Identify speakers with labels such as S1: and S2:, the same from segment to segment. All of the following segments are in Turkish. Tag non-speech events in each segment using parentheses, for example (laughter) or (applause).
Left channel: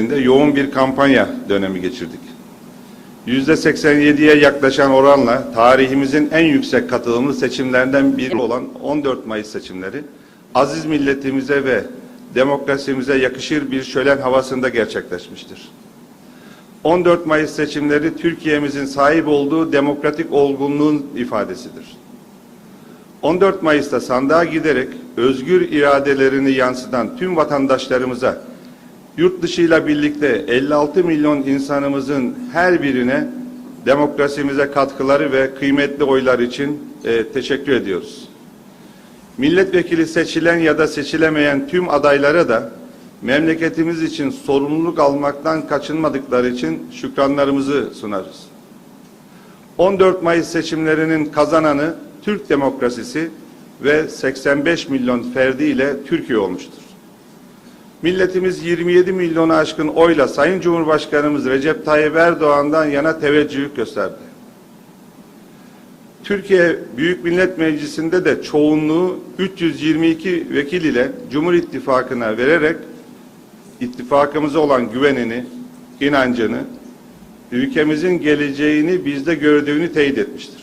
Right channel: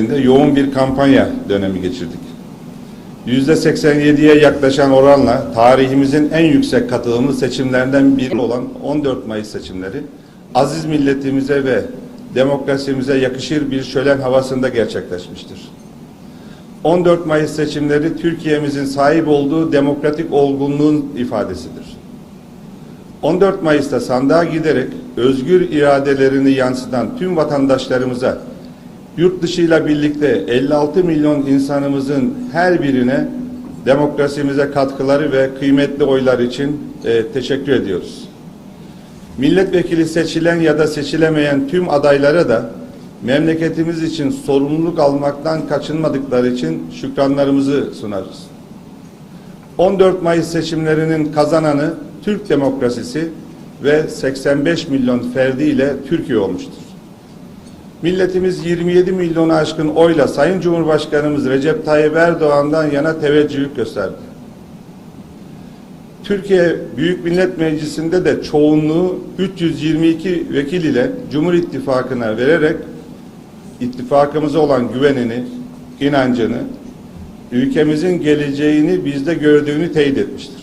S1: özelinde yoğun bir kampanya dönemi geçirdik. Yüzde %87'ye yaklaşan oranla tarihimizin en yüksek katılımlı seçimlerden biri olan 14 Mayıs seçimleri aziz milletimize ve demokrasimize yakışır bir şölen havasında gerçekleşmiştir. 14 Mayıs seçimleri Türkiye'mizin sahip olduğu demokratik olgunluğun ifadesidir. 14 Mayıs'ta sandığa giderek özgür iradelerini yansıtan tüm vatandaşlarımıza yurt dışıyla birlikte 56 milyon insanımızın her birine demokrasimize katkıları ve kıymetli oylar için e, teşekkür ediyoruz. Milletvekili seçilen ya da seçilemeyen tüm adaylara da memleketimiz için sorumluluk almaktan kaçınmadıkları için şükranlarımızı sunarız. 14 Mayıs seçimlerinin kazananı Türk demokrasisi ve 85 milyon ferdiyle Türkiye olmuştur. Milletimiz 27 milyonu aşkın oyla Sayın Cumhurbaşkanımız Recep Tayyip Erdoğan'dan yana teveccüh gösterdi. Türkiye Büyük Millet Meclisi'nde de çoğunluğu 322 vekil ile Cumhur İttifakı'na vererek ittifakımıza olan güvenini, inancını, ülkemizin geleceğini bizde gördüğünü teyit etmiştir.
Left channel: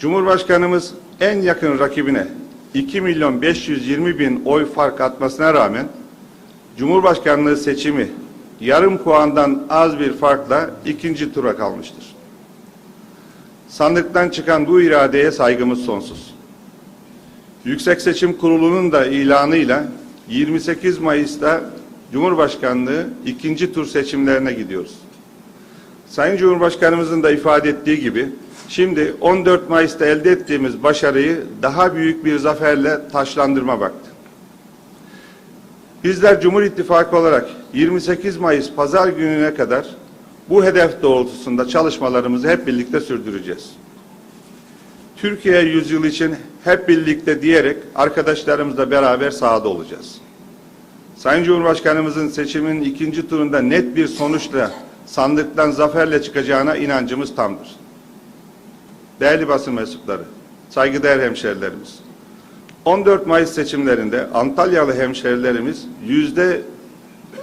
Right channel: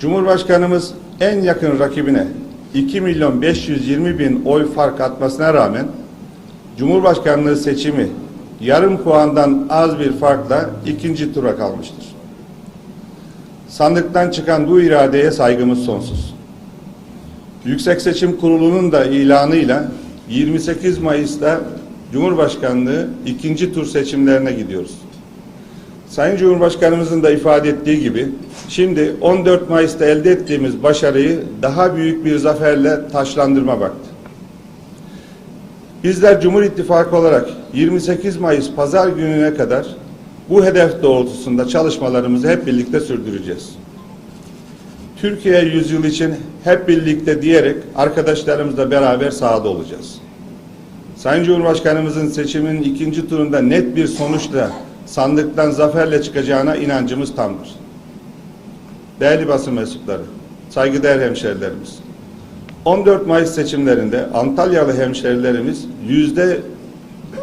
S1: Cumhurbaşkanımız en yakın rakibine 2 milyon 520 bin oy fark atmasına rağmen Cumhurbaşkanlığı seçimi yarım puandan az bir farkla ikinci tura kalmıştır. Sandıktan çıkan bu iradeye saygımız sonsuz. Yüksek Seçim Kurulu'nun da ilanıyla 28 Mayıs'ta Cumhurbaşkanlığı ikinci tur seçimlerine gidiyoruz. Sayın Cumhurbaşkanımızın da ifade ettiği gibi şimdi 14 Mayıs'ta elde ettiğimiz başarıyı daha büyük bir zaferle taşlandırma vakti. Bizler Cumhur İttifakı olarak 28 Mayıs pazar gününe kadar bu hedef doğrultusunda çalışmalarımızı hep birlikte sürdüreceğiz. Türkiye yüzyıl için hep birlikte diyerek arkadaşlarımızla beraber sahada olacağız. Sayın Cumhurbaşkanımızın seçiminin ikinci turunda net bir sonuçla sandıktan zaferle çıkacağına inancımız tamdır. Değerli basın mensupları, saygıdeğer hemşerilerimiz, 14 Mayıs seçimlerinde Antalyalı hemşerilerimiz yüzde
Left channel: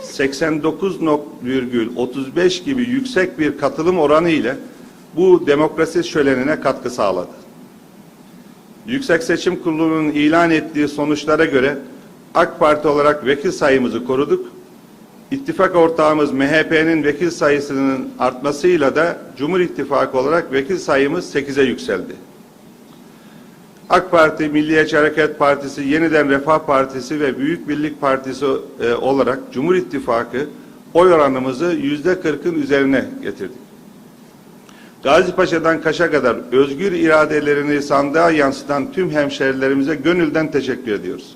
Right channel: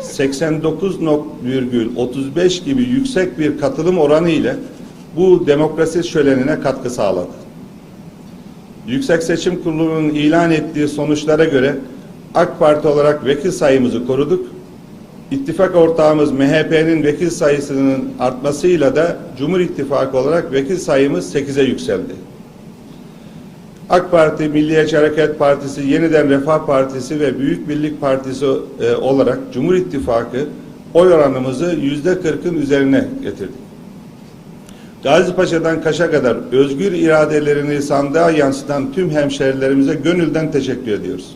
S1: 89,35 gibi yüksek bir katılım oranı ile bu demokrasi şölenine katkı sağladı. Yüksek Seçim Kurulu'nun ilan ettiği sonuçlara göre AK Parti olarak vekil sayımızı koruduk İttifak ortağımız MHP'nin vekil sayısının artmasıyla da Cumhur İttifakı olarak vekil sayımız 8'e yükseldi. AK Parti, Milliyetçi Hareket Partisi, Yeniden Refah Partisi ve Büyük Birlik Partisi e, olarak Cumhur İttifakı oy oranımızı yüzde 40'ın üzerine getirdik. Gazipaşa'dan Kaş'a kadar özgür iradelerini sandığa yansıtan tüm hemşerilerimize gönülden teşekkür ediyoruz.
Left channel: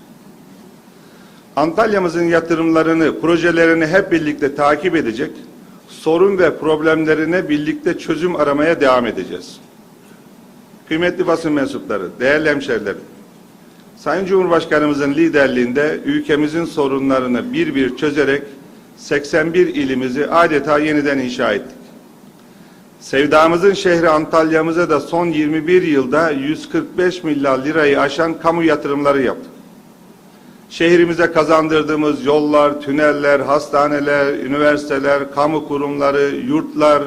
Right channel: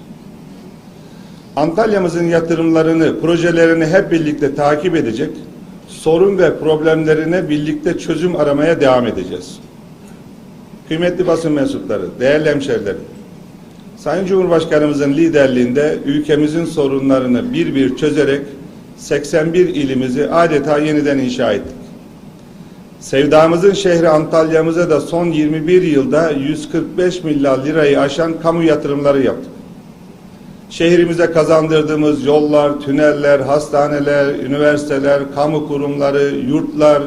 S1: Antalya'mızın yatırımlarını, projelerini hep birlikte takip edecek, sorun ve problemlerine birlikte çözüm aramaya devam edeceğiz. Kıymetli basın mensupları, değerli hemşerilerim, Sayın Cumhurbaşkanımızın liderliğinde ülkemizin sorunlarını bir bir çözerek 81 ilimizi adeta yeniden inşa ettik. Sevdamızın şehri Antalya'mıza da son 21 yılda 145 milyar lirayı aşan kamu yatırımları yaptık şehrimize kazandırdığımız yollar, tüneller, hastaneler, üniversiteler, kamu kurumları, yurtlar,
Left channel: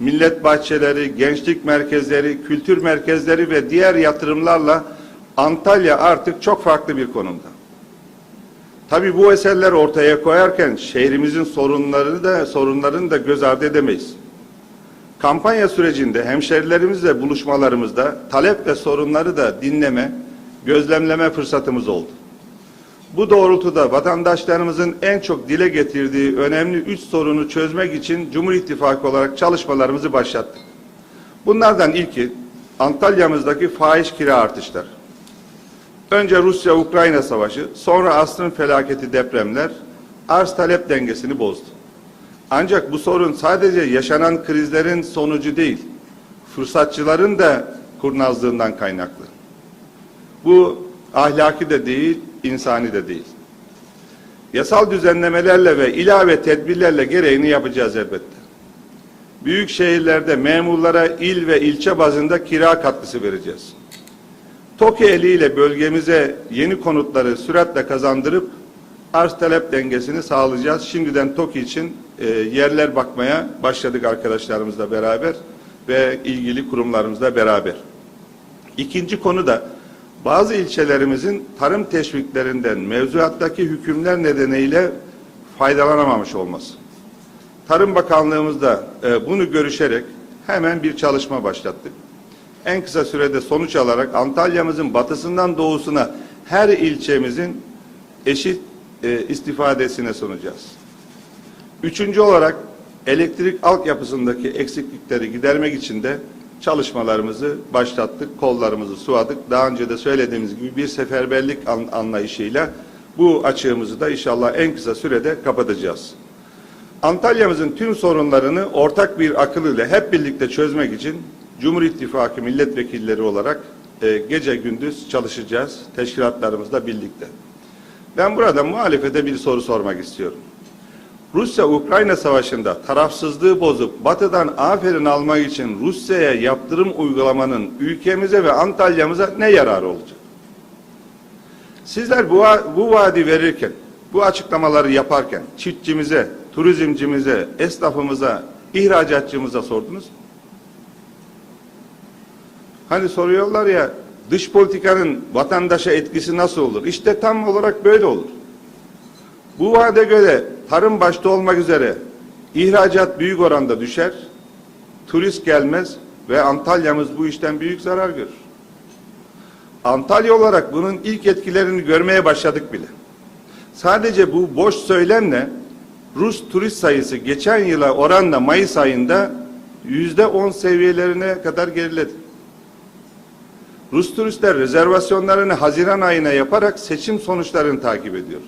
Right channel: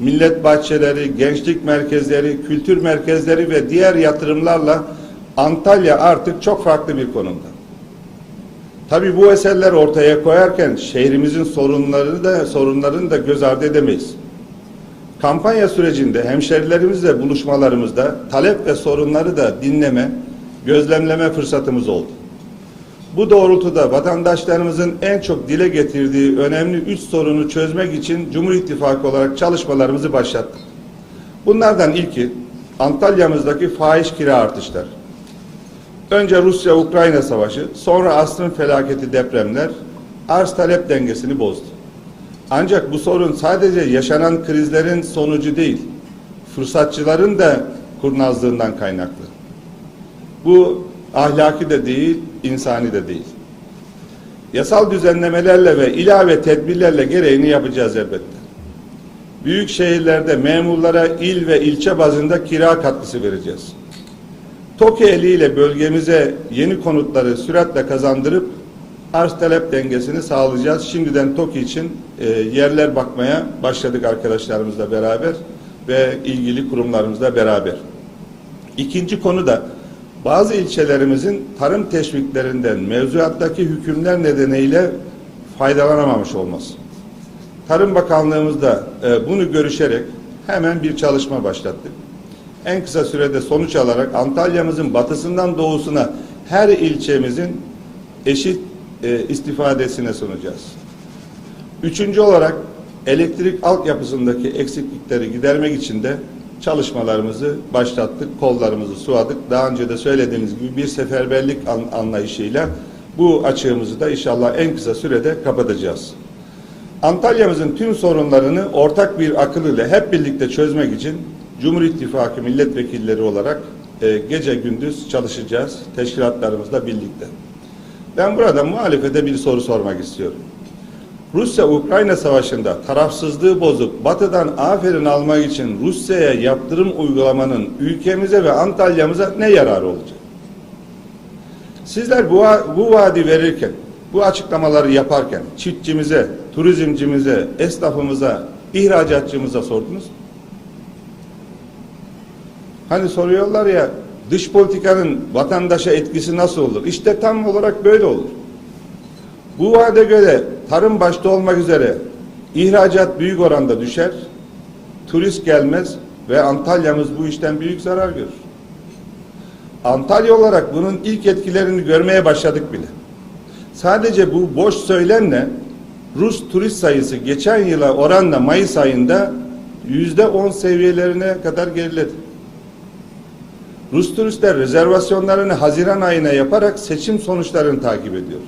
S1: millet bahçeleri, gençlik merkezleri, kültür merkezleri ve diğer yatırımlarla Antalya artık çok farklı bir konumda. Tabii bu eserler ortaya koyarken şehrimizin sorunları da sorunlarını da göz ardı edemeyiz. Kampanya sürecinde hemşerilerimizle buluşmalarımızda talep ve sorunları da dinleme, gözlemleme fırsatımız oldu. Bu doğrultuda vatandaşlarımızın en çok dile getirdiği önemli üç sorunu çözmek için Cumhur İttifakı olarak çalışmalarımızı başlattık. Bunlardan ilki Antalya'mızdaki faiz kira artışları. Önce Rusya-Ukrayna savaşı, sonra asrın felaketi depremler arz talep dengesini bozdu. Ancak bu sorun sadece yaşanan krizlerin sonucu değil, fırsatçıların da kurnazlığından kaynaklı. Bu ahlaki de değil, insani de değil. Yasal düzenlemelerle ve ilave tedbirlerle gereğini yapacağız elbette. Büyük şehirlerde memurlara il ve ilçe bazında kira katkısı vereceğiz. TOKİ eliyle bölgemize yeni konutları süratle kazandırıp arz talep dengesini sağlayacağız. Şimdiden TOKİ için e, yerler bakmaya başladık arkadaşlarımızla beraber ve ilgili kurumlarımızla beraber. İkinci konu da bazı ilçelerimizin tarım teşviklerinden mevzuattaki hükümler nedeniyle faydalanamamış olması. Tarım bakanlığımızda e, bunu görüşerek hemen bir çalışma başlattık. En kısa sürede sonuç alarak Antalya'mızın batısından doğusuna her ilçemizin eşit e, istifadesine sunacağız. Üçüncü olarak elektrik altyapısındaki eksiklikleri gidermek için de çalışmalarımızı başlattık, kollarımızı suvadık. Daha önce de söylediğimiz gibi bir seferberlik anlayışıyla bu açığımızı da inşallah en kısa sürede kapatacağız. Antalya'mızın tüm sorunlarını ortak bir akıl ile hep birlikte çözmek için Cumhur İttifakı milletvekilleri olarak e, gece gündüz çalışacağız teşkilatlarımızla birlikte. Ben burada muhalefete bir soru sormak istiyorum. Rusya-Ukrayna savaşında tarafsızlığı bozup batıdan aferin almak için Rusya'ya yaptırım uygulamanın ülkemize ve Antalya'mıza ne yararı olacak? Sizler bu, bu vaadi verirken, bu açıklamaları yaparken çiftçimize, turizmcimize, esnafımıza, ihracatçımıza sordunuz. Hani soruyorlar ya dış politikanın vatandaşa etkisi nasıl olur? İşte tam olarak böyle olur. Bu vaade göre tarım başta olmak üzere ihracat büyük oranda düşer, turist gelmez ve Antalya'mız bu işten büyük zarar görür. Antalya olarak bunun ilk etkilerini görmeye başladık bile. Sadece bu boş söylemle Rus turist sayısı geçen yıla oranla Mayıs ayında yüzde on seviyelerine kadar geriledi. Rus turistler rezervasyonlarını Haziran ayına yaparak seçim sonuçlarını takip ediyor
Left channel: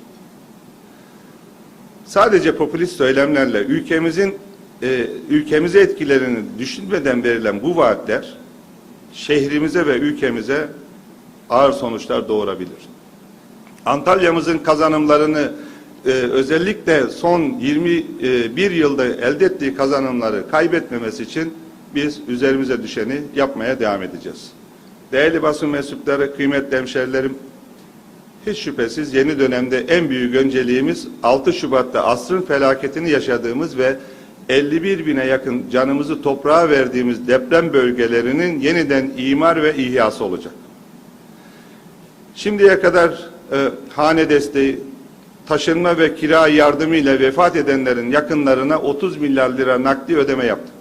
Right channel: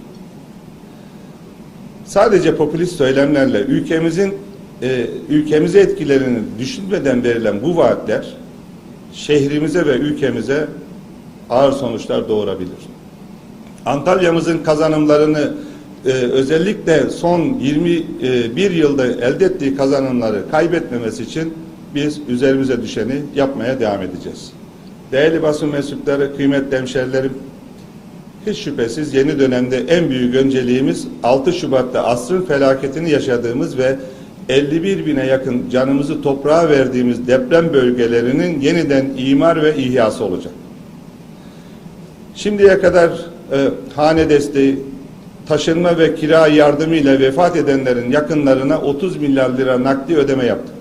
S1: sadece popülist söylemlerle ülkemizin e, ülkemize etkilerini düşünmeden verilen bu vaatler şehrimize ve ülkemize ağır sonuçlar doğurabilir. Antalya'mızın kazanımlarını e, özellikle son 21 yılda elde ettiği kazanımları kaybetmemesi için biz üzerimize düşeni yapmaya devam edeceğiz. Değerli basın mensupları, kıymetli hemşerilerim, hiç şüphesiz yeni dönemde en büyük önceliğimiz 6 Şubat'ta asrın felaketini yaşadığımız ve 51 bine yakın canımızı toprağa verdiğimiz deprem bölgelerinin yeniden imar ve ihyası olacak. Şimdiye kadar e, hane desteği, taşınma ve kira yardımıyla vefat edenlerin yakınlarına 30 milyar lira nakdi ödeme yaptık.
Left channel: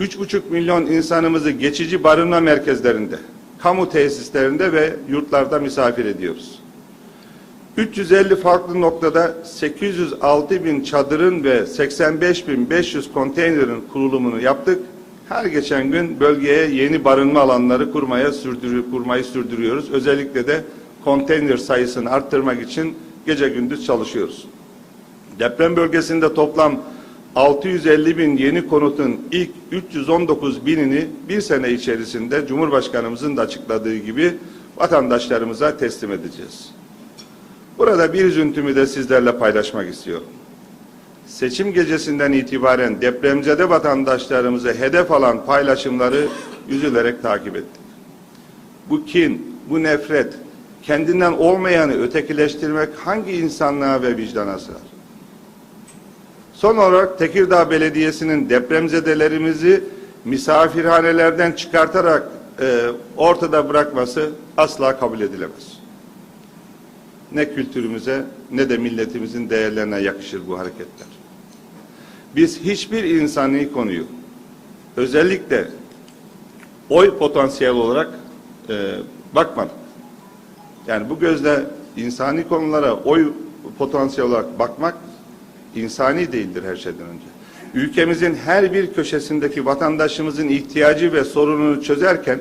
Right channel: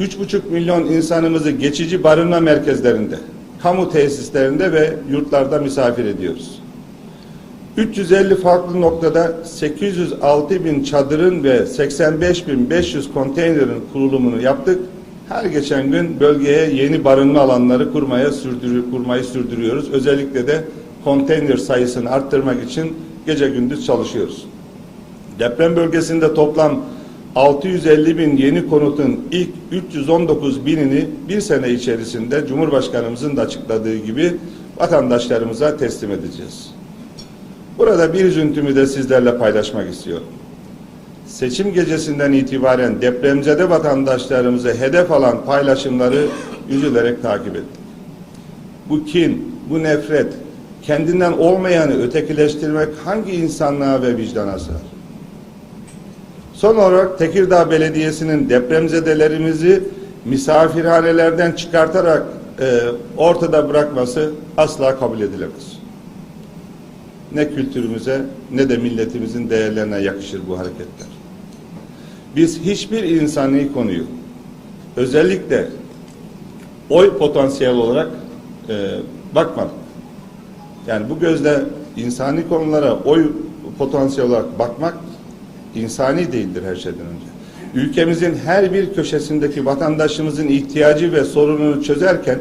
S1: 3,5 milyon insanımızı geçici barınma merkezlerinde, kamu tesislerinde ve yurtlarda misafir ediyoruz. 350 farklı noktada 806 bin çadırın ve 85 bin 500 konteynerin kurulumunu yaptık. Her geçen gün bölgeye yeni barınma alanları kurmaya sürdürü, kurmayı sürdürüyoruz. Özellikle de konteyner sayısını arttırmak için gece gündüz çalışıyoruz. Deprem bölgesinde toplam 650 bin yeni konutun ilk 319 binini bir sene içerisinde Cumhurbaşkanımızın da açıkladığı gibi vatandaşlarımıza teslim edeceğiz. Burada bir üzüntümü de sizlerle paylaşmak istiyorum. Seçim gecesinden itibaren depremzede vatandaşlarımızı hedef alan paylaşımları üzülerek takip ettim. Bu kin, bu nefret, kendinden olmayanı ötekileştirmek hangi insanlığa ve vicdana sığar? Son olarak Tekirdağ Belediyesi'nin depremzedelerimizi misafirhanelerden çıkartarak e, ortada bırakması asla kabul edilemez. Ne kültürümüze ne de milletimizin değerlerine yakışır bu hareketler. Biz hiçbir insani konuyu özellikle oy potansiyel olarak e, bakmadık. Yani bu gözle insani konulara oy potansiyel olarak bakmak insani değildir her şeyden önce. Ülkemizin her bir köşesindeki vatandaşımızın ihtiyacı ve sorununu çözerken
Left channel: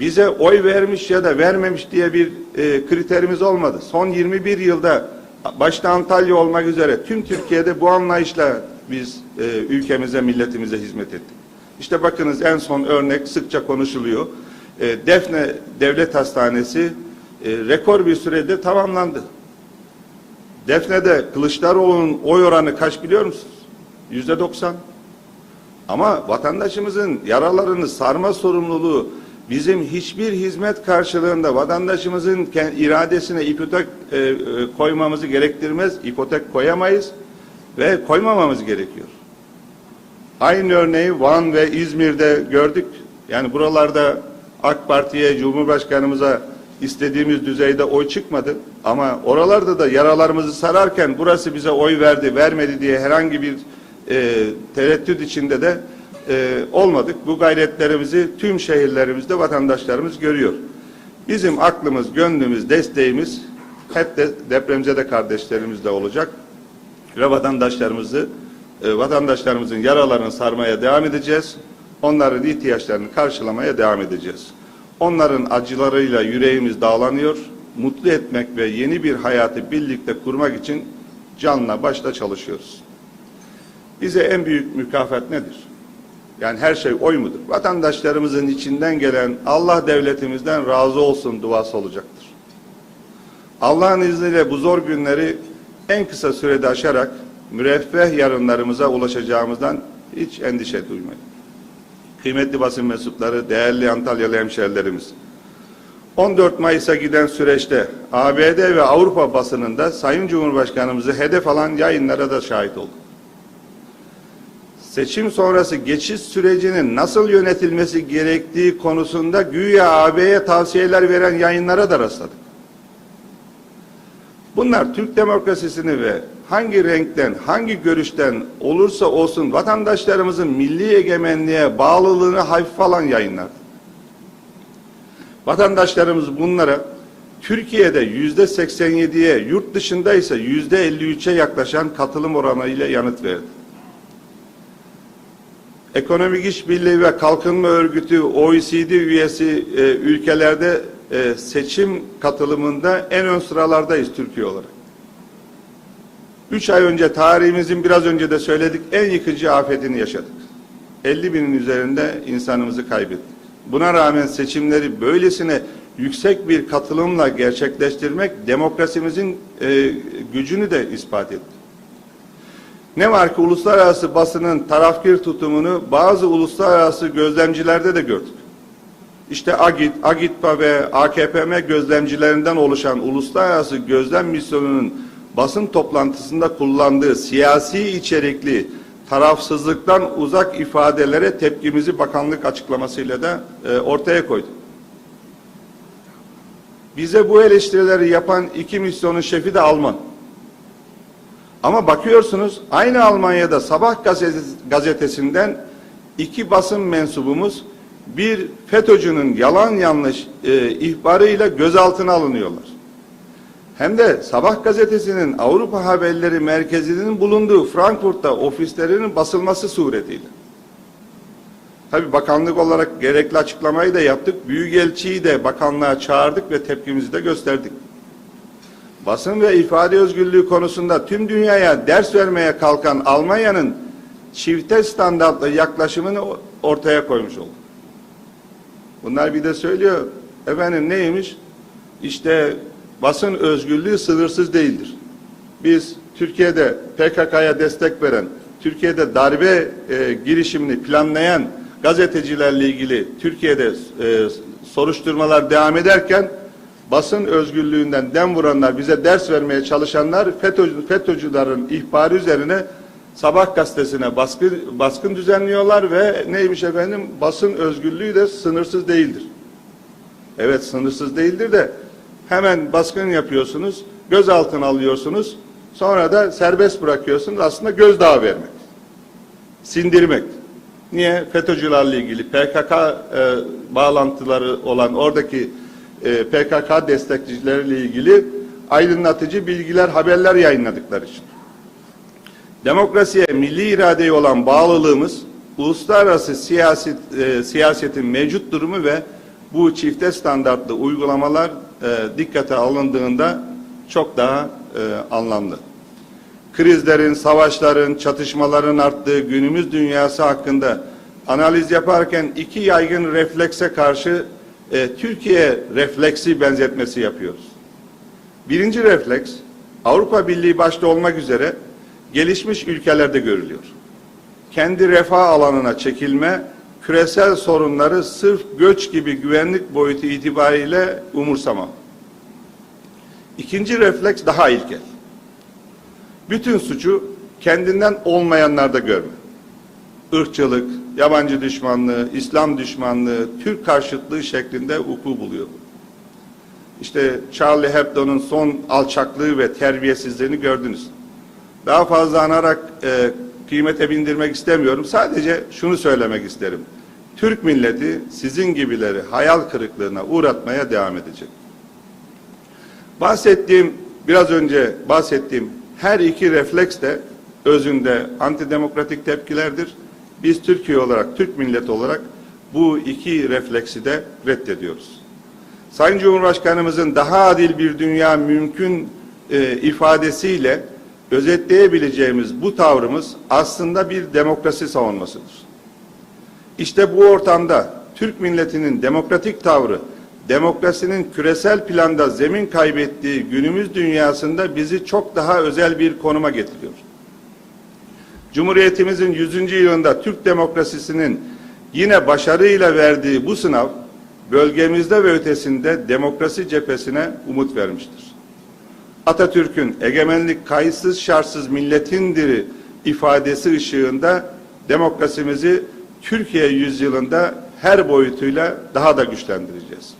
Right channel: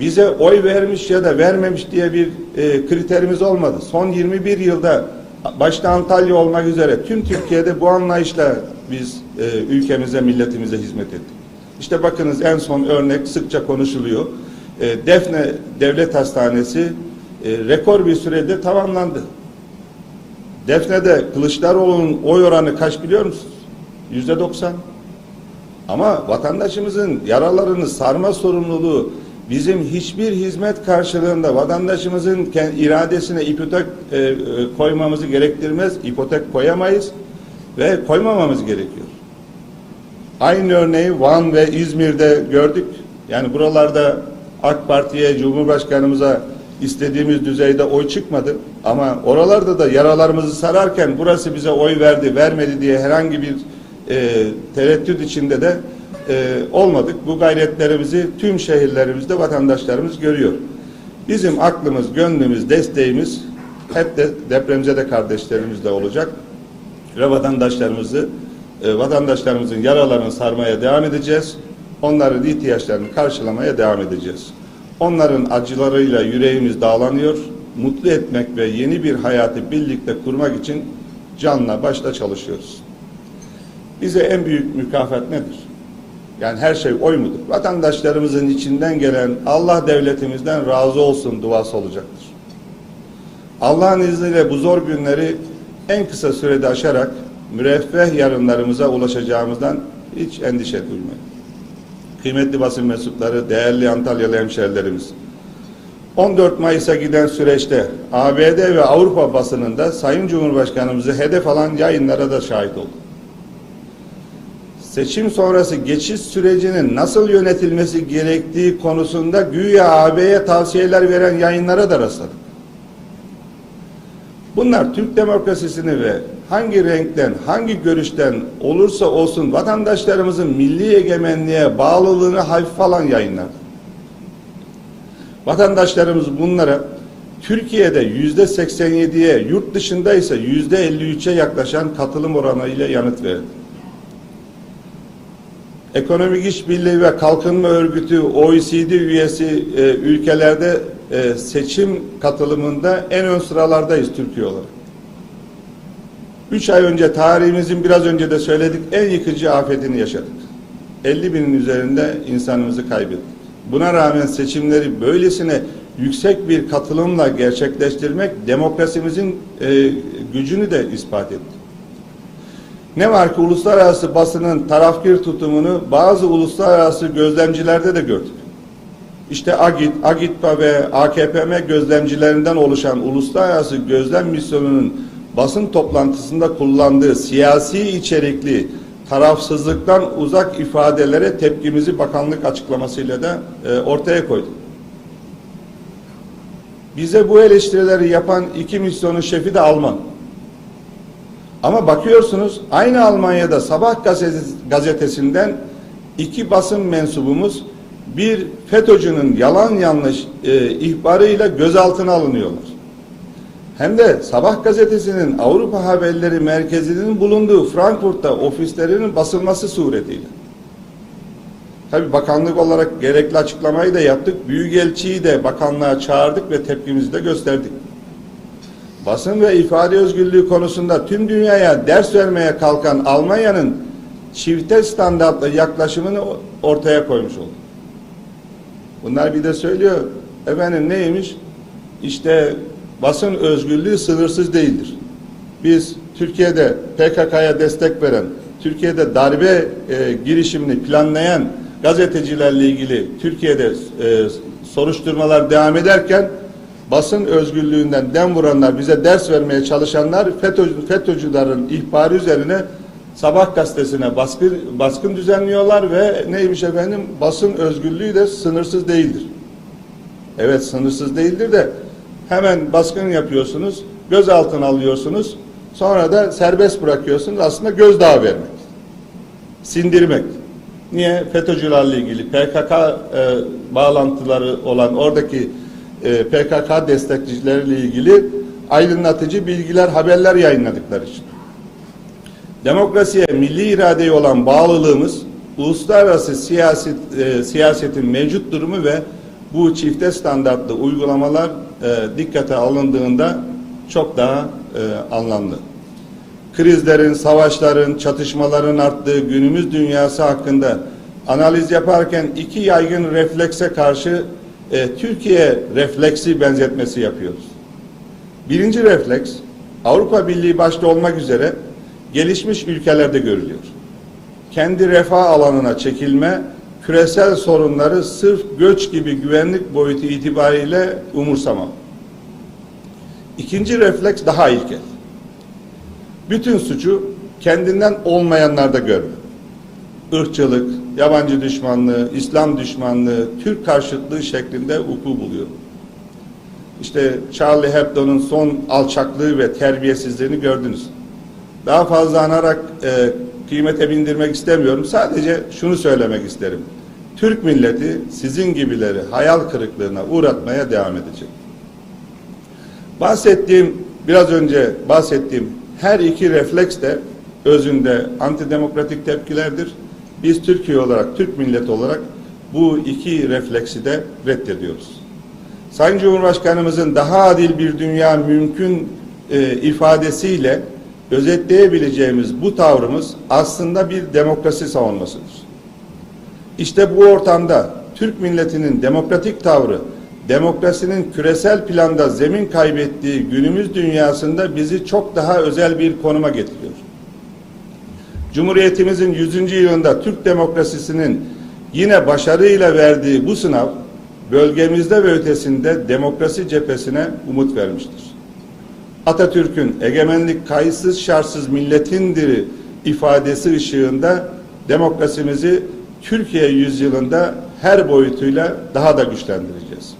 S1: bize oy vermiş ya da vermemiş diye bir e, kriterimiz olmadı. Son 21 yılda başta Antalya olmak üzere tüm Türkiye'de bu anlayışla biz e, ülkemize, milletimize hizmet ettik. İşte bakınız en son örnek sıkça konuşuluyor. E, Defne Devlet Hastanesi e, rekor bir sürede tamamlandı. Defne'de Kılıçdaroğlu'nun oy oranı kaç biliyor musunuz? Yüzde doksan. Ama vatandaşımızın yaralarını sarma sorumluluğu bizim hiçbir hizmet karşılığında vatandaşımızın iradesine ipotek e, e, koymamızı gerektirmez. İpotek koyamayız ve koymamamız gerekiyor. Aynı örneği Van ve İzmir'de gördük. Yani buralarda AK Parti'ye, Cumhurbaşkanımıza istediğimiz düzeyde oy çıkmadı. Ama oralarda da yaralarımızı sararken burası bize oy verdi, vermedi diye herhangi bir e, tereddüt içinde de e, olmadık. Bu gayretlerimizi tüm şehirlerimizde vatandaşlarımız görüyor. Bizim aklımız, gönlümüz, desteğimiz hep de depremzede kardeşlerimizle olacak ve vatandaşlarımızı e, vatandaşlarımızın yaralarını sarmaya devam edeceğiz. Onların ihtiyaçlarını karşılamaya devam edeceğiz. Onların acılarıyla yüreğimiz dağlanıyor mutlu etmek ve yeni bir hayatı birlikte kurmak için canla başla çalışıyoruz. Bize en büyük mükafat nedir? Yani her şey oy mudur? Vatandaşlarımızın içinden gelen Allah devletimizden razı olsun duası olacaktır. Allah'ın izniyle bu zor günleri en kısa sürede aşarak müreffeh yarınlarımıza ulaşacağımızdan hiç endişe duymayın. Kıymetli basın mensupları, değerli Antalyalı hemşerilerimiz, 14 Mayıs'a giden süreçte ABD ve Avrupa basınında Sayın Cumhurbaşkanımızı hedef alan yayınlara da şahit olduk. Seçim sonrası geçiş sürecinin nasıl yönetilmesi gerektiği konusunda güya AB'ye tavsiyeler veren yayınlara da rastladık. Bunlar Türk demokrasisini ve hangi renkten, hangi görüşten olursa olsun vatandaşlarımızın milli egemenliğe bağlılığını hafif falan yayınlardır. Vatandaşlarımız bunlara Türkiye'de yüzde 87'ye, yurt dışında ise yüzde 53'e yaklaşan katılım oranı ile yanıt verdi. Ekonomik İşbirliği ve Kalkınma Örgütü OECD üyesi e, ülkelerde e, seçim katılımında en ön sıralardayız Türkiye olarak. Üç ay önce tarihimizin biraz önce de söyledik en yıkıcı afetini yaşadık. 50 binin üzerinde insanımızı kaybettik. Buna rağmen seçimleri böylesine yüksek bir katılımla gerçekleştirmek demokrasimizin e, gücünü de ispat etti. Ne var ki uluslararası basının tarafkir tutumunu bazı uluslararası gözlemcilerde de gördük. İşte AGİT, AGİTPA ve AKPM gözlemcilerinden oluşan uluslararası gözlem misyonunun basın toplantısında kullandığı siyasi içerikli tarafsızlıktan uzak ifadelere tepkimizi bakanlık açıklamasıyla da e, ortaya koydu. Bize bu eleştirileri yapan iki misyonun şefi de Alman. Ama bakıyorsunuz aynı Almanya'da sabah gazetesinden iki basın mensubumuz bir FETÖ'cünün yalan yanlış e, ihbarıyla gözaltına alınıyorlar hem de Sabah gazetesinin Avrupa haberleri merkezinin bulunduğu Frankfurt'ta ofislerinin basılması suretiyle. Tabi bakanlık olarak gerekli açıklamayı da yaptık. Büyükelçiyi de bakanlığa çağırdık ve tepkimizi de gösterdik. Basın ve ifade özgürlüğü konusunda tüm dünyaya ders vermeye kalkan Almanya'nın çifte standartlı yaklaşımını ortaya koymuş oldu. Bunlar bir de söylüyor. Efendim neymiş? İşte basın özgürlüğü sınırsız değildir. Biz Türkiye'de PKK'ya destek veren, Türkiye'de darbe e, girişimini planlayan gazetecilerle ilgili Türkiye'de e, soruşturmalar devam ederken basın özgürlüğünden dem vuranlar, bize ders vermeye çalışanlar FETÖ, FETÖ'cülerin ihbarı üzerine Sabah gazetesine baskı, baskın düzenliyorlar ve neymiş efendim basın özgürlüğü de sınırsız değildir. Evet sınırsız değildir de hemen baskın yapıyorsunuz, gözaltına alıyorsunuz, sonra da serbest bırakıyorsunuz. Aslında gözdağı vermek, sindirmek. Niye? FETÖ'cülerle ilgili PKK e, bağlantıları olan oradaki e, PKK destekçileriyle ilgili aydınlatıcı bilgiler, haberler yayınladıkları için. Demokrasiye, milli iradeye olan bağlılığımız, uluslararası siyaset, e, siyasetin mevcut durumu ve bu çifte standartlı uygulamalar e, dikkate alındığında çok daha e, anlamlı. Krizlerin, savaşların, çatışmaların arttığı günümüz dünyası hakkında analiz yaparken iki yaygın reflekse karşı e, Türkiye refleksi benzetmesi yapıyoruz. Birinci refleks Avrupa Birliği başta olmak üzere gelişmiş ülkelerde görülüyor. Kendi refah alanına çekilme küresel sorunları sırf göç gibi güvenlik boyutu itibariyle umursama. İkinci refleks daha ilkel. Bütün suçu kendinden olmayanlarda görme. Irkçılık, yabancı düşmanlığı, İslam düşmanlığı, Türk karşıtlığı şeklinde uku buluyor. İşte Charlie Hebdo'nun son alçaklığı ve terbiyesizliğini gördünüz daha fazla anarak e, kıymete bindirmek istemiyorum. Sadece şunu söylemek isterim. Türk milleti sizin gibileri hayal kırıklığına uğratmaya devam edecek. Bahsettiğim, biraz önce bahsettiğim her iki refleks de özünde antidemokratik tepkilerdir. Biz Türkiye olarak, Türk milleti olarak bu iki refleksi de reddediyoruz. Sayın Cumhurbaşkanımızın daha adil bir dünya mümkün e, ifadesiyle özetleyebileceğimiz bu tavrımız aslında bir demokrasi savunmasıdır. İşte bu ortamda Türk milletinin demokratik tavrı, demokrasinin küresel planda zemin kaybettiği günümüz dünyasında bizi çok daha özel bir konuma getiriyor. Cumhuriyetimizin 100. yılında Türk demokrasisinin yine başarıyla verdiği bu sınav, bölgemizde ve ötesinde demokrasi cephesine umut vermiştir. Atatürk'ün egemenlik kayıtsız şartsız milletindir ifadesi ışığında demokrasimizi Türkiye yüzyılında her boyutuyla daha da güçlendireceğiz.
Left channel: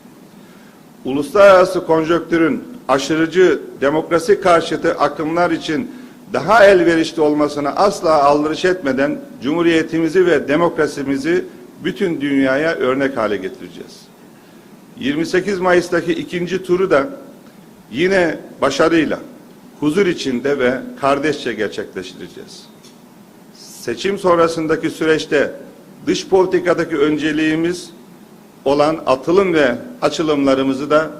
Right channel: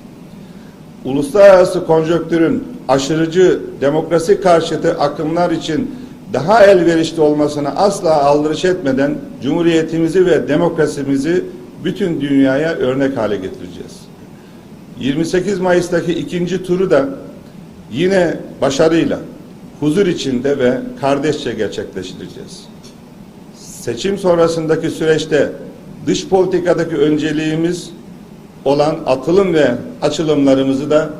S1: Uluslararası konjöktürün aşırıcı demokrasi karşıtı akımlar için daha elverişli olmasına asla aldırış etmeden cumhuriyetimizi ve demokrasimizi bütün dünyaya örnek hale getireceğiz. 28 Mayıs'taki ikinci turu da yine başarıyla huzur içinde ve kardeşçe gerçekleştireceğiz. Seçim sonrasındaki süreçte dış politikadaki önceliğimiz olan atılım ve açılımlarımızı da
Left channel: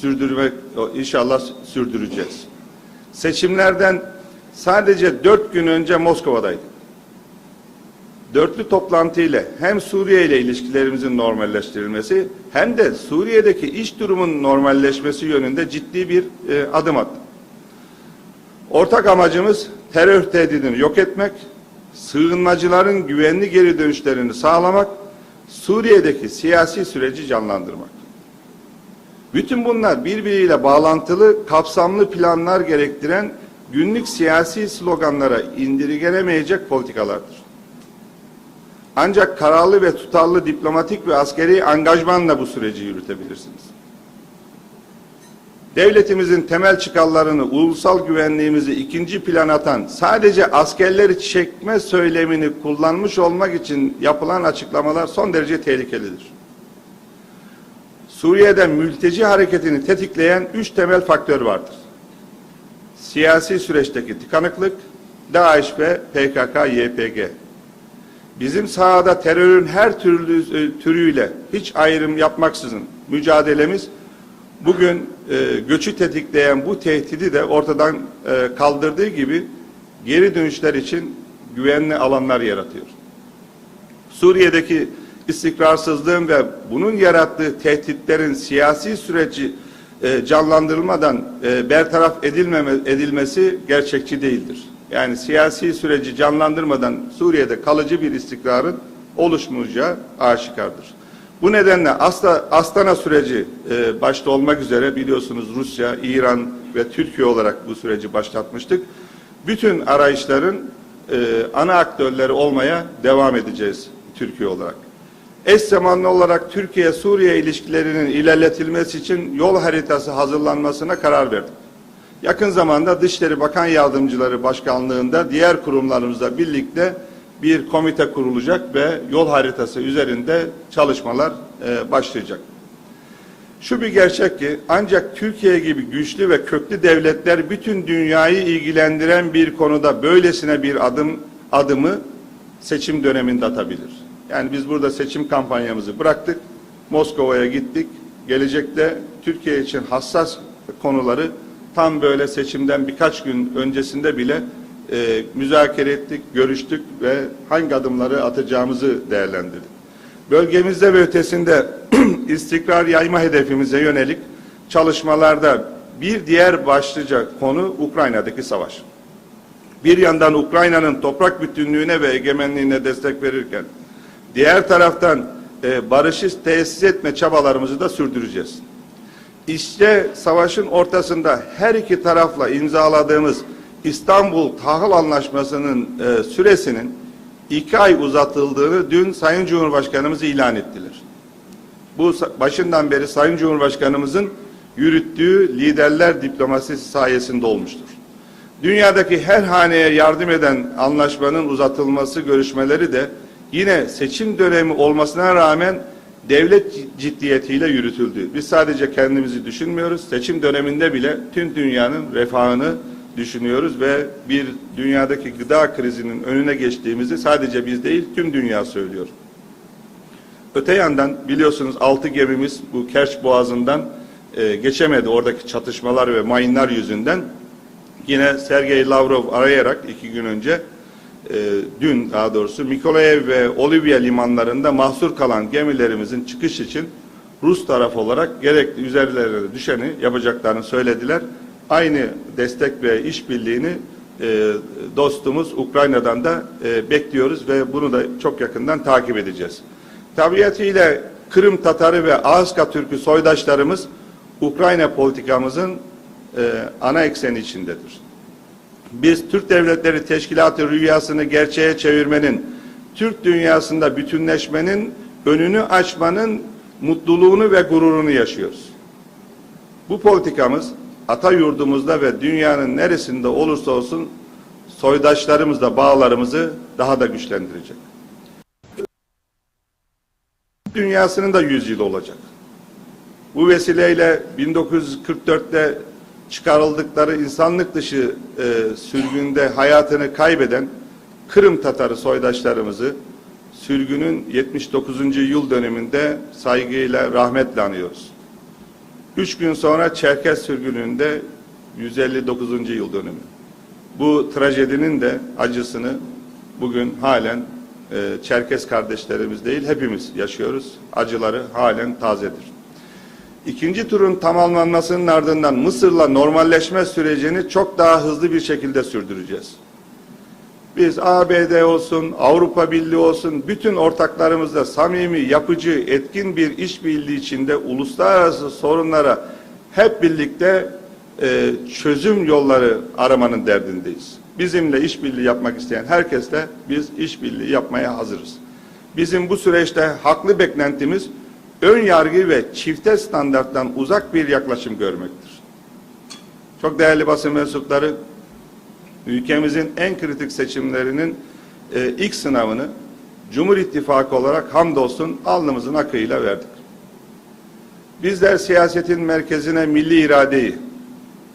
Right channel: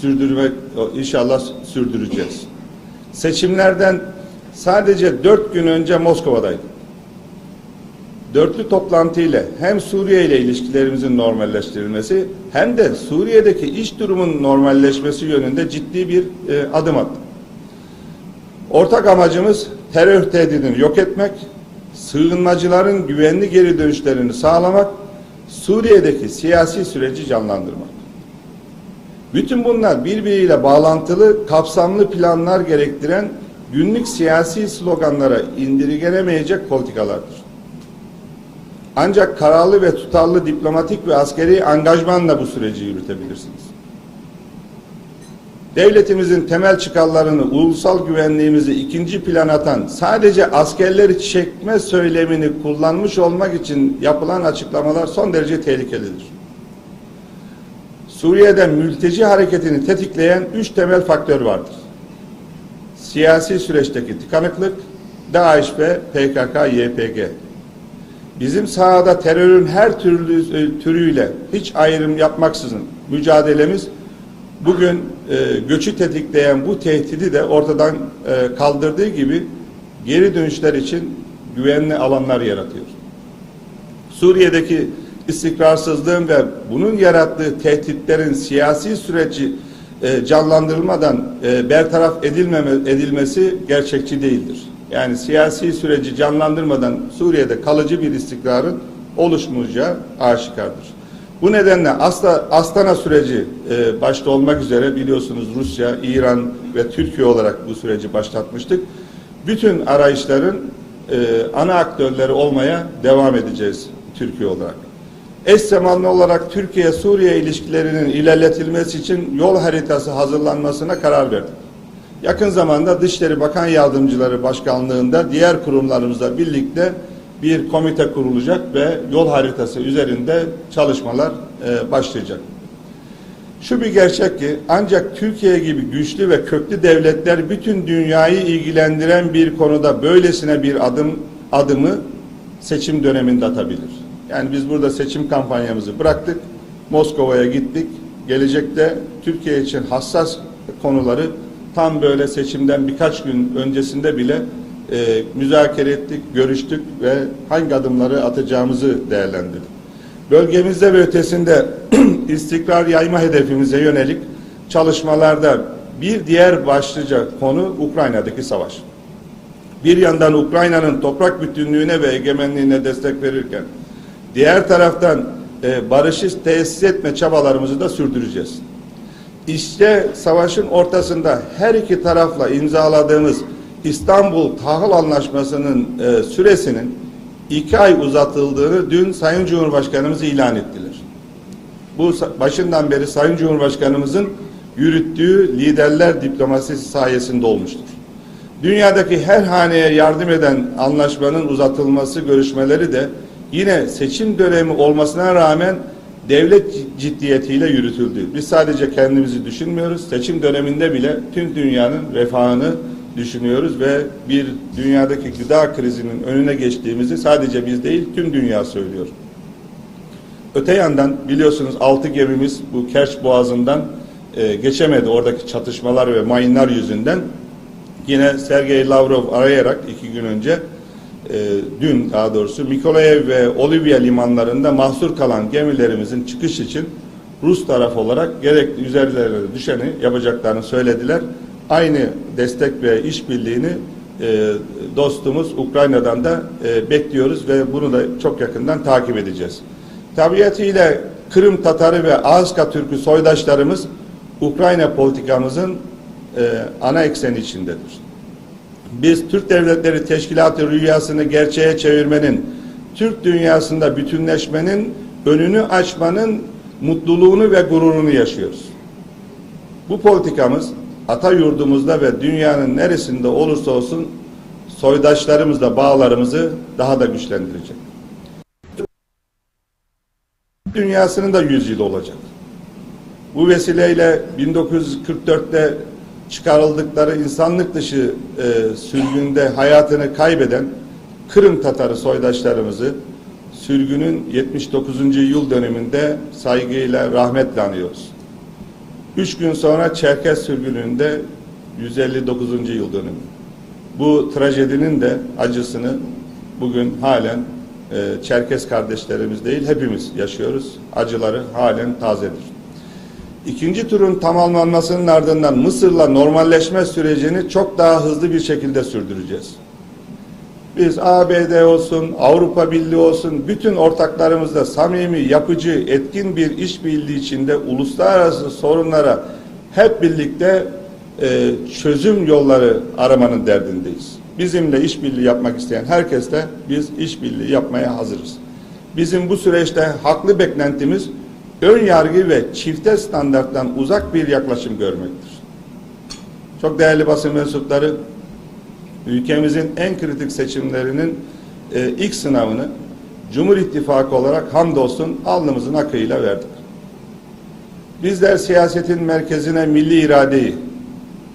S1: sürdürmek inşallah sürdüreceğiz. Seçimlerden sadece dört gün önce Moskova'daydım. Dörtlü toplantı ile hem Suriye ile ilişkilerimizin normalleştirilmesi hem de Suriye'deki iş durumunun normalleşmesi yönünde ciddi bir e, adım attı. Ortak amacımız terör tehdidini yok etmek, sığınmacıların güvenli geri dönüşlerini sağlamak, Suriye'deki siyasi süreci canlandırmak. Bütün bunlar birbiriyle bağlantılı, kapsamlı planlar gerektiren günlük siyasi sloganlara indirgenemeyecek politikalardır. Ancak kararlı ve tutarlı diplomatik ve askeri angajmanla bu süreci yürütebilirsiniz. Devletimizin temel çıkarlarını, ulusal güvenliğimizi ikinci plan atan, sadece askerleri çekme söylemini kullanmış olmak için yapılan açıklamalar son derece tehlikelidir. Suriye'de mülteci hareketini tetikleyen üç temel faktör vardır. Siyasi süreçteki tıkanıklık, DAEŞ ve PKK-YPG bizim sahada terörün her türlü e, türüyle hiç ayrım yapmaksızın mücadelemiz bugün e, göçü tetikleyen bu tehdidi de ortadan e, kaldırdığı gibi geri dönüşler için güvenli alanlar yaratıyor. Suriye'deki istikrarsızlığın ve bunun yarattığı tehditlerin siyasi süreci e, canlandırılmadan e, bertaraf edilmeme, edilmesi gerçekçi değildir yani siyasi süreci canlandırmadan Suriye'de kalıcı bir istikrarın oluşmayacağı aşikardır. Bu nedenle Asla, Astana süreci e, başta olmak üzere biliyorsunuz Rusya, İran ve Türkiye olarak bu süreci başlatmıştık. Bütün arayışların e, ana aktörleri olmaya devam edeceğiz Türkiye olarak. Eş zamanlı olarak Türkiye-Suriye ilişkilerinin ilerletilmesi için yol haritası hazırlanmasına karar verdik. Yakın zamanda Dışişleri Bakan Yardımcıları Başkanlığında diğer kurumlarımızla birlikte bir komite kurulacak ve yol haritası üzerinde çalışmalar e, başlayacak. Şu bir gerçek ki ancak Türkiye gibi güçlü ve köklü devletler bütün dünyayı ilgilendiren bir konuda böylesine bir adım adımı seçim döneminde atabilir. Yani biz burada seçim kampanyamızı bıraktık, Moskova'ya gittik. Gelecekte Türkiye için hassas konuları tam böyle seçimden birkaç gün öncesinde bile e, müzakere ettik, görüştük ve hangi adımları atacağımızı değerlendirdik. Bölgemizde ve ötesinde (clears throat) istikrar yayma hedefimize yönelik çalışmalarda bir diğer başlıca konu Ukrayna'daki savaş. Bir yandan Ukrayna'nın toprak bütünlüğüne ve egemenliğine destek verirken diğer taraftan e, barışı tesis etme çabalarımızı da sürdüreceğiz. İşte savaşın ortasında her iki tarafla imzaladığımız İstanbul Tahıl Anlaşması'nın e, süresinin iki ay uzatıldığını dün Sayın Cumhurbaşkanımız ilan ettiler. Bu başından beri Sayın Cumhurbaşkanımızın yürüttüğü liderler diplomasisi sayesinde olmuştur. Dünyadaki her haneye yardım eden anlaşmanın uzatılması görüşmeleri de yine seçim dönemi olmasına rağmen devlet ciddiyetiyle yürütüldü. Biz sadece kendimizi düşünmüyoruz. Seçim döneminde bile tüm dünyanın refahını düşünüyoruz ve bir dünyadaki gıda krizinin önüne geçtiğimizi sadece biz değil tüm dünya söylüyor. Öte yandan biliyorsunuz altı gemimiz bu Kerç Boğazı'ndan e, geçemedi oradaki çatışmalar ve mayınlar yüzünden. Yine Sergey Lavrov arayarak iki gün önce e, dün daha doğrusu Mikolaev ve Olivia limanlarında mahsur kalan gemilerimizin çıkış için Rus taraf olarak gerekli üzerlerine düşeni yapacaklarını söylediler. Aynı destek ve işbirliğini e, dostumuz Ukrayna'dan da e, bekliyoruz ve bunu da çok yakından takip edeceğiz. Tabiatıyla Kırım Tatarı ve Ağızka Türk'ü soydaşlarımız Ukrayna politikamızın e, ana ekseni içindedir biz Türk Devletleri Teşkilatı rüyasını gerçeğe çevirmenin, Türk dünyasında bütünleşmenin önünü açmanın mutluluğunu ve gururunu yaşıyoruz. Bu politikamız ata yurdumuzda ve dünyanın neresinde olursa olsun soydaşlarımızla bağlarımızı daha da güçlendirecek. Dünyasının da yüzyılı olacak. Bu vesileyle 1944'te çıkarıldıkları insanlık dışı e, sürgünde hayatını kaybeden Kırım Tatarı soydaşlarımızı sürgünün 79. yıl döneminde saygıyla rahmetle anıyoruz. Üç gün sonra Çerkez sürgününde 159. yıl dönümü. Bu trajedinin de acısını bugün halen e, Çerkes kardeşlerimiz değil hepimiz yaşıyoruz. Acıları halen tazedir. İkinci turun tamamlanmasının ardından Mısır'la normalleşme sürecini çok daha hızlı bir şekilde sürdüreceğiz. Biz ABD olsun, Avrupa Birliği olsun bütün ortaklarımızla samimi, yapıcı, etkin bir işbirliği içinde uluslararası sorunlara hep birlikte e, çözüm yolları aramanın derdindeyiz. Bizimle işbirliği yapmak isteyen herkesle biz işbirliği yapmaya hazırız. Bizim bu süreçte haklı beklentimiz ön yargı ve çifte standarttan uzak bir yaklaşım görmektir. Çok değerli basın mensupları, ülkemizin en kritik seçimlerinin e, ilk sınavını Cumhur İttifakı olarak hamdolsun alnımızın akıyla verdik. Bizler siyasetin merkezine milli iradeyi,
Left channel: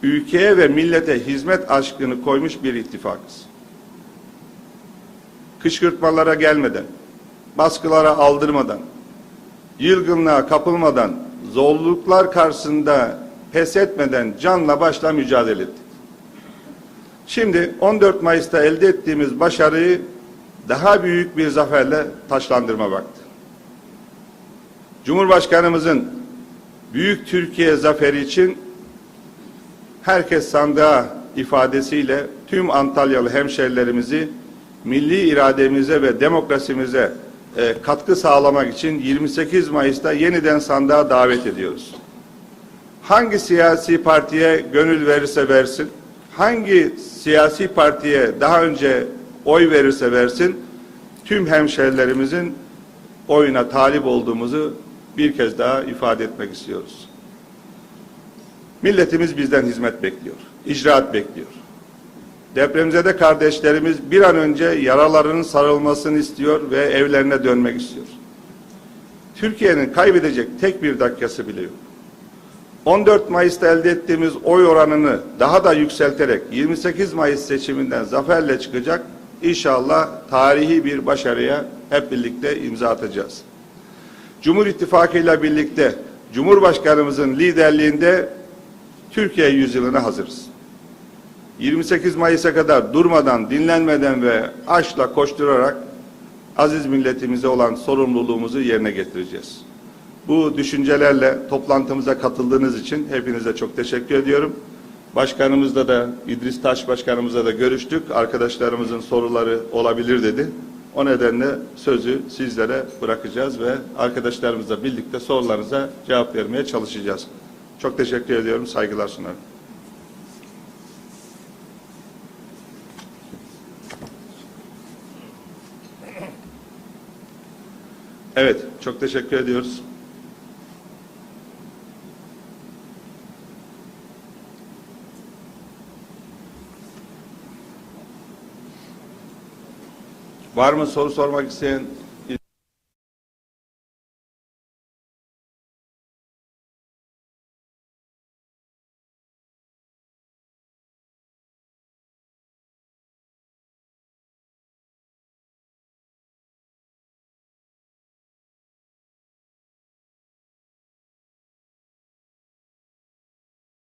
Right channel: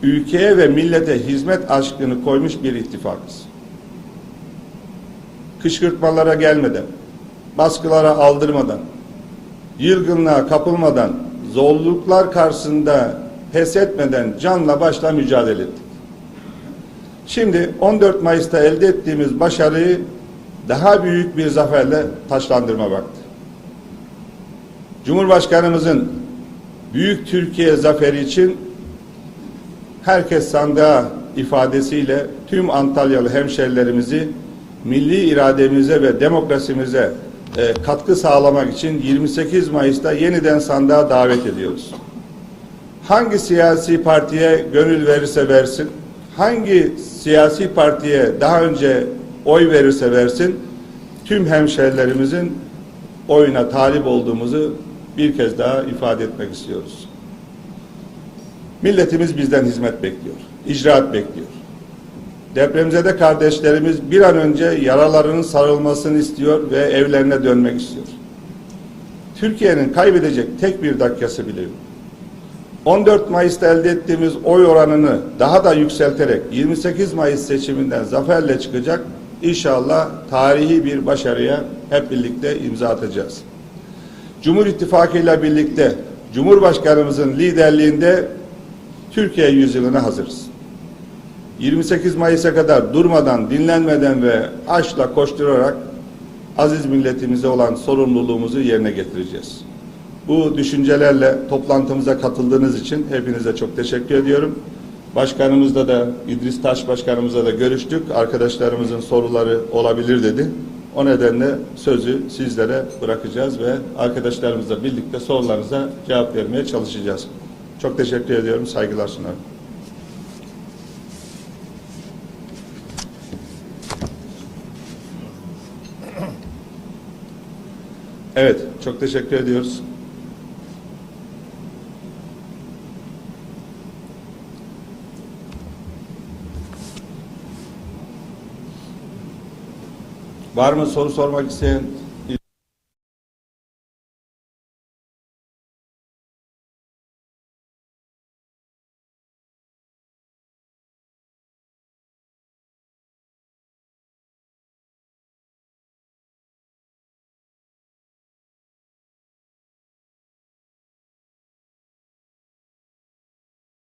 S1: ülkeye ve millete hizmet aşkını koymuş bir ittifakız. Kışkırtmalara gelmeden, baskılara aldırmadan, yılgınlığa kapılmadan, zorluklar karşısında pes etmeden canla başla mücadele ettik. Şimdi 14 Mayıs'ta elde ettiğimiz başarıyı daha büyük bir zaferle taşlandırma vakti. Cumhurbaşkanımızın Büyük Türkiye zaferi için herkes sandığa ifadesiyle tüm Antalyalı hemşerilerimizi milli irademize ve demokrasimize e, katkı sağlamak için 28 Mayıs'ta yeniden sandığa davet ediyoruz. Hangi siyasi partiye gönül verirse versin, hangi siyasi partiye daha önce oy verirse versin, tüm hemşerilerimizin oyuna talip olduğumuzu bir kez daha ifade etmek istiyoruz. Milletimiz bizden hizmet bekliyor, icraat bekliyor. Depremzede kardeşlerimiz bir an önce yaralarının sarılmasını istiyor ve evlerine dönmek istiyor. Türkiye'nin kaybedecek tek bir dakikası bile yok. 14 Mayıs'ta elde ettiğimiz oy oranını daha da yükselterek 28 Mayıs seçiminden zaferle çıkacak İnşallah tarihi bir başarıya hep birlikte imza atacağız. Cumhur İttifakı ile birlikte Cumhurbaşkanımızın liderliğinde Türkiye yüzyılına hazırız. 28 Mayıs'a kadar durmadan, dinlenmeden ve açla koşturarak aziz milletimize olan sorumluluğumuzu yerine getireceğiz. Bu düşüncelerle toplantımıza katıldığınız için hepinize çok teşekkür ediyorum. Başkanımızla da İdris Taş Başkanımızla da görüştük. Arkadaşlarımızın soruları olabilir dedi. O nedenle sözü sizlere bırakacağız ve arkadaşlarımızla birlikte sorularınıza cevap vermeye çalışacağız. Çok teşekkür ediyorum. Saygılar sunarım. Çok teşekkür ediyoruz. Var mı soru sormak isteyen?